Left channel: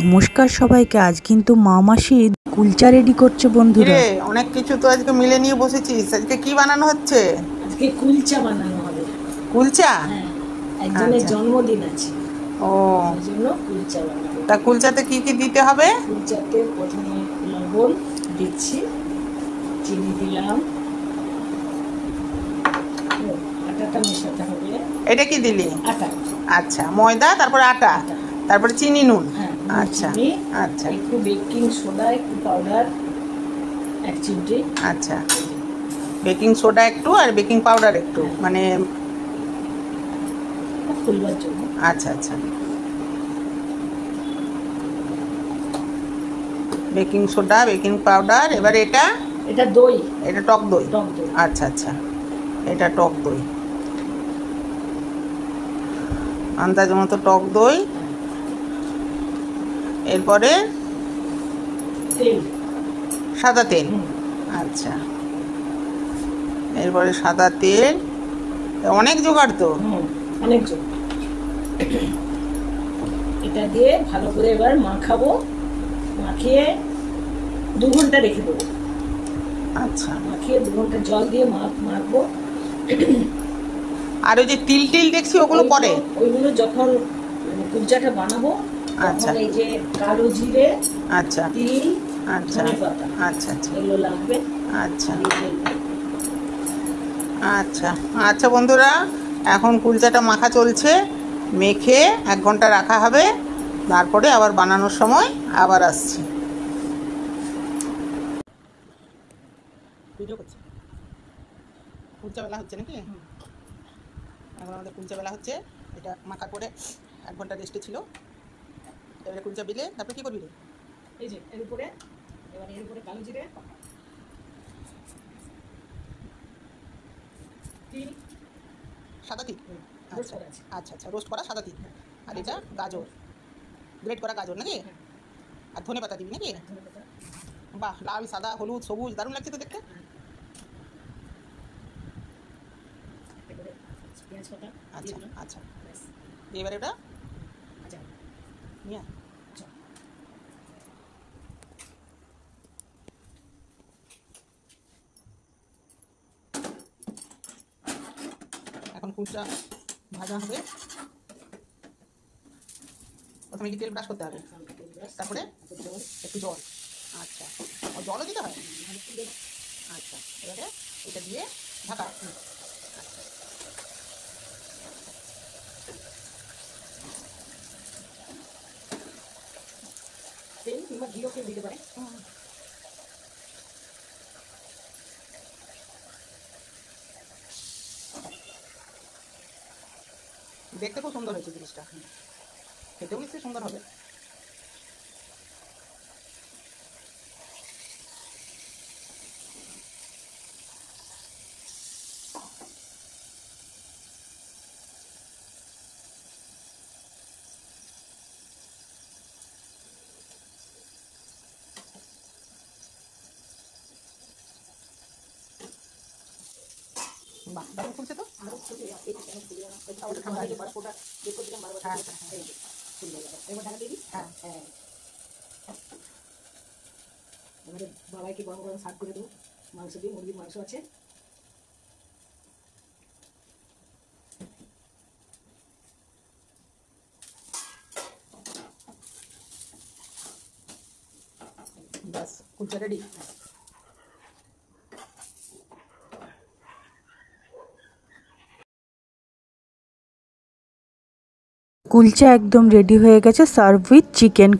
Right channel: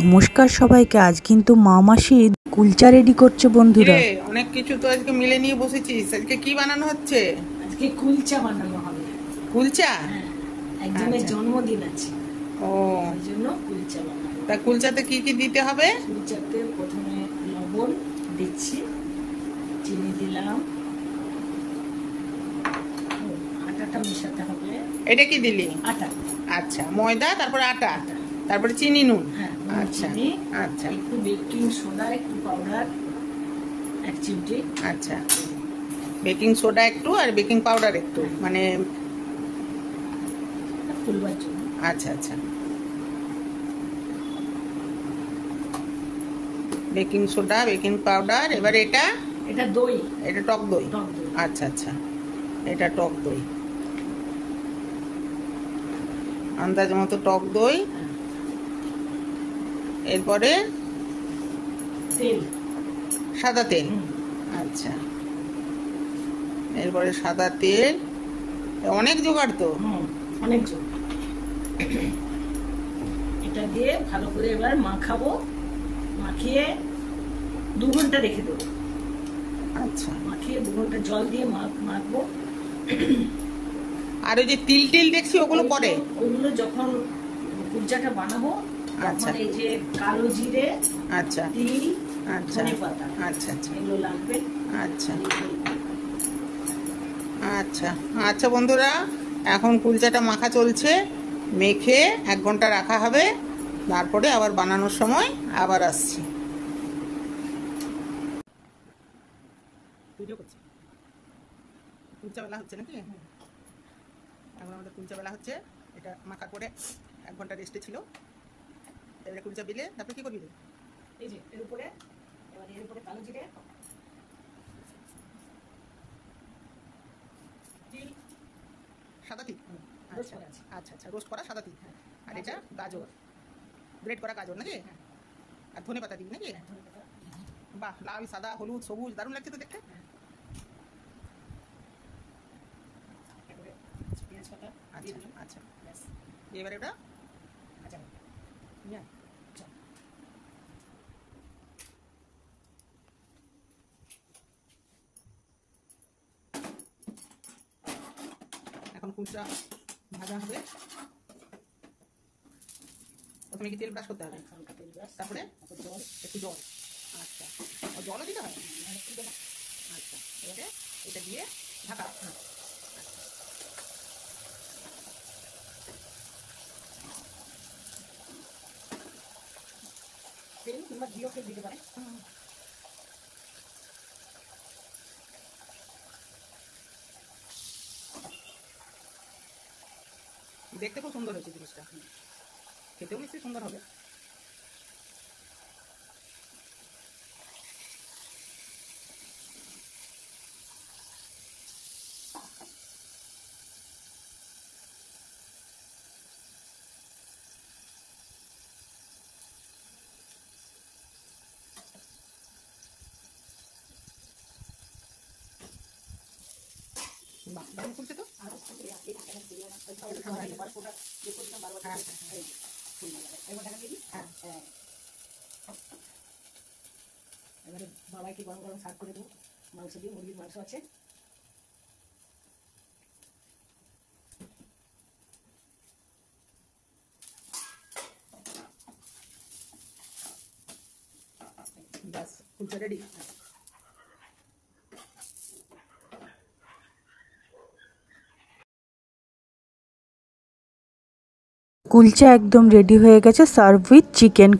নমস্কার সবাইকে। আজ কিন্তু মা মাসি কুলচা রেডি করছে বন্ধুরা। অনেক কিছু তো আজকে মিলে নিয়ে বসেছিস। আজকে কি বানানো হচ্ছে? আজকে কুলচা বানানো হবে। কুলচা? হ্যাঁ, একজনের জন্মদিন আছে। ও, সেই জন্য কুলচা বানাবো। তা কুলচাতে কি কি দিতে হবে? কুলচাতে প্রথমে লবণ দিচ্ছি, চিনি দিলাম, আটাটা মেশাতে হবে। এটা কি দিলি? আটা। আচ্ছা, ময়দা, তারপরে আটা, তারপরে চিনি, নুন। হ্যাঁ, আচ্ছা আচ্ছা একটু বেকিং সোডা, একটু পাউডার, 1 চিমটি। আচ্ছা, বেকিং সোডা একটু আর বেকিং পাউডার একটু, মানে ফুলবার জন্য। আচ্ছা আচ্ছা, বেকিং সোডা, বেকিং পাউডার। এবারে এটা দই, এটা টক দই। টক দই। আচ্ছা আচ্ছা, এটা টক দই, আন্দাজ মতো টক দই। এরপরে তেল, সাদা তেল। আচ্ছা, এরপরে সাদা তেল। অনেক জোগাড় তো। অনেক জোগাড়। এটা দিয়ে ভালো করে এবার মাখাবো। মাখিয়ে 2 ঘন্টা রেখে দেবো। আচ্ছা, মাখিয়ে 2 ঘন্টা জল দিয়ে মাখবো। আর ওই যে তিল টিল দেখছি ওগুলো পরে? ওইগুলো যখন কুলচাটা বানাবো তখন এই যে কালো জিরে, আচ্ছা, তিল, আচ্ছা, ধনেপাতা, আচ্ছা আচ্ছা, এগুলো লাগবে। আচ্ছা আচ্ছা আচ্ছা বন্ধুরা, এখন কুলচাটা মাখা চলছে। মেখে 1 ঘন্টা রাখা হবে, তারপরে আবার বানানোর সময় আবার আসছি। ভিডিও করছি। কুলচা বেলা হচ্ছে নাকি? এখন আমাদের কুলচা বেলা হচ্ছে। এটা মাখা করে 1 ঘন্টা রেস্টে ছিল। এবারে কুলচা বিলে তারপরে কি করবি? এই যে এর উপরে, এবার এর উপরে কালো জিরে, তিল, সাদা তিল। আচ্ছা আচ্ছা আচ্ছা, রোস্ট করা সাদা তিল। আর এটা গাজর, গ্রেট করা গাজর নাকি? আর ধনে পাতা দিবি নাকি? বাহ, লাল, সাদা, হলুদ, সবুজ, দারুণ লাগছে তো দেখতে। আচ্ছা আচ্ছা, এবারে ওটা নিয়ে এখন কুলচা ভাজা হবে। প্রথমে কি তেল ব্রাশ করতে হবে, তারপরে একটু জল। আচ্ছা, জলও দিতে হয়? আচ্ছা, এবারে এটা দিয়ে ঢাকা। আচ্ছা, তেল কিংবা ঘিও কেউ দিতে পারে। দেখতে খুব সুন্দর হয়েছে জিনিসটা, খেতেও নিশ্চয়ই সুন্দর হবে। বাহ, দারুণ ফুলছে তো। এবারে বাবাইকে গরম গরম সার্ভ করে দেবো। মাংস দিয়ে, মুরগির মাংস আছে। ব্যাস, কুলচা রেডি। কুলচা একদম রেডি হয়ে গেছে, সার্ভ উইথ চিকেন।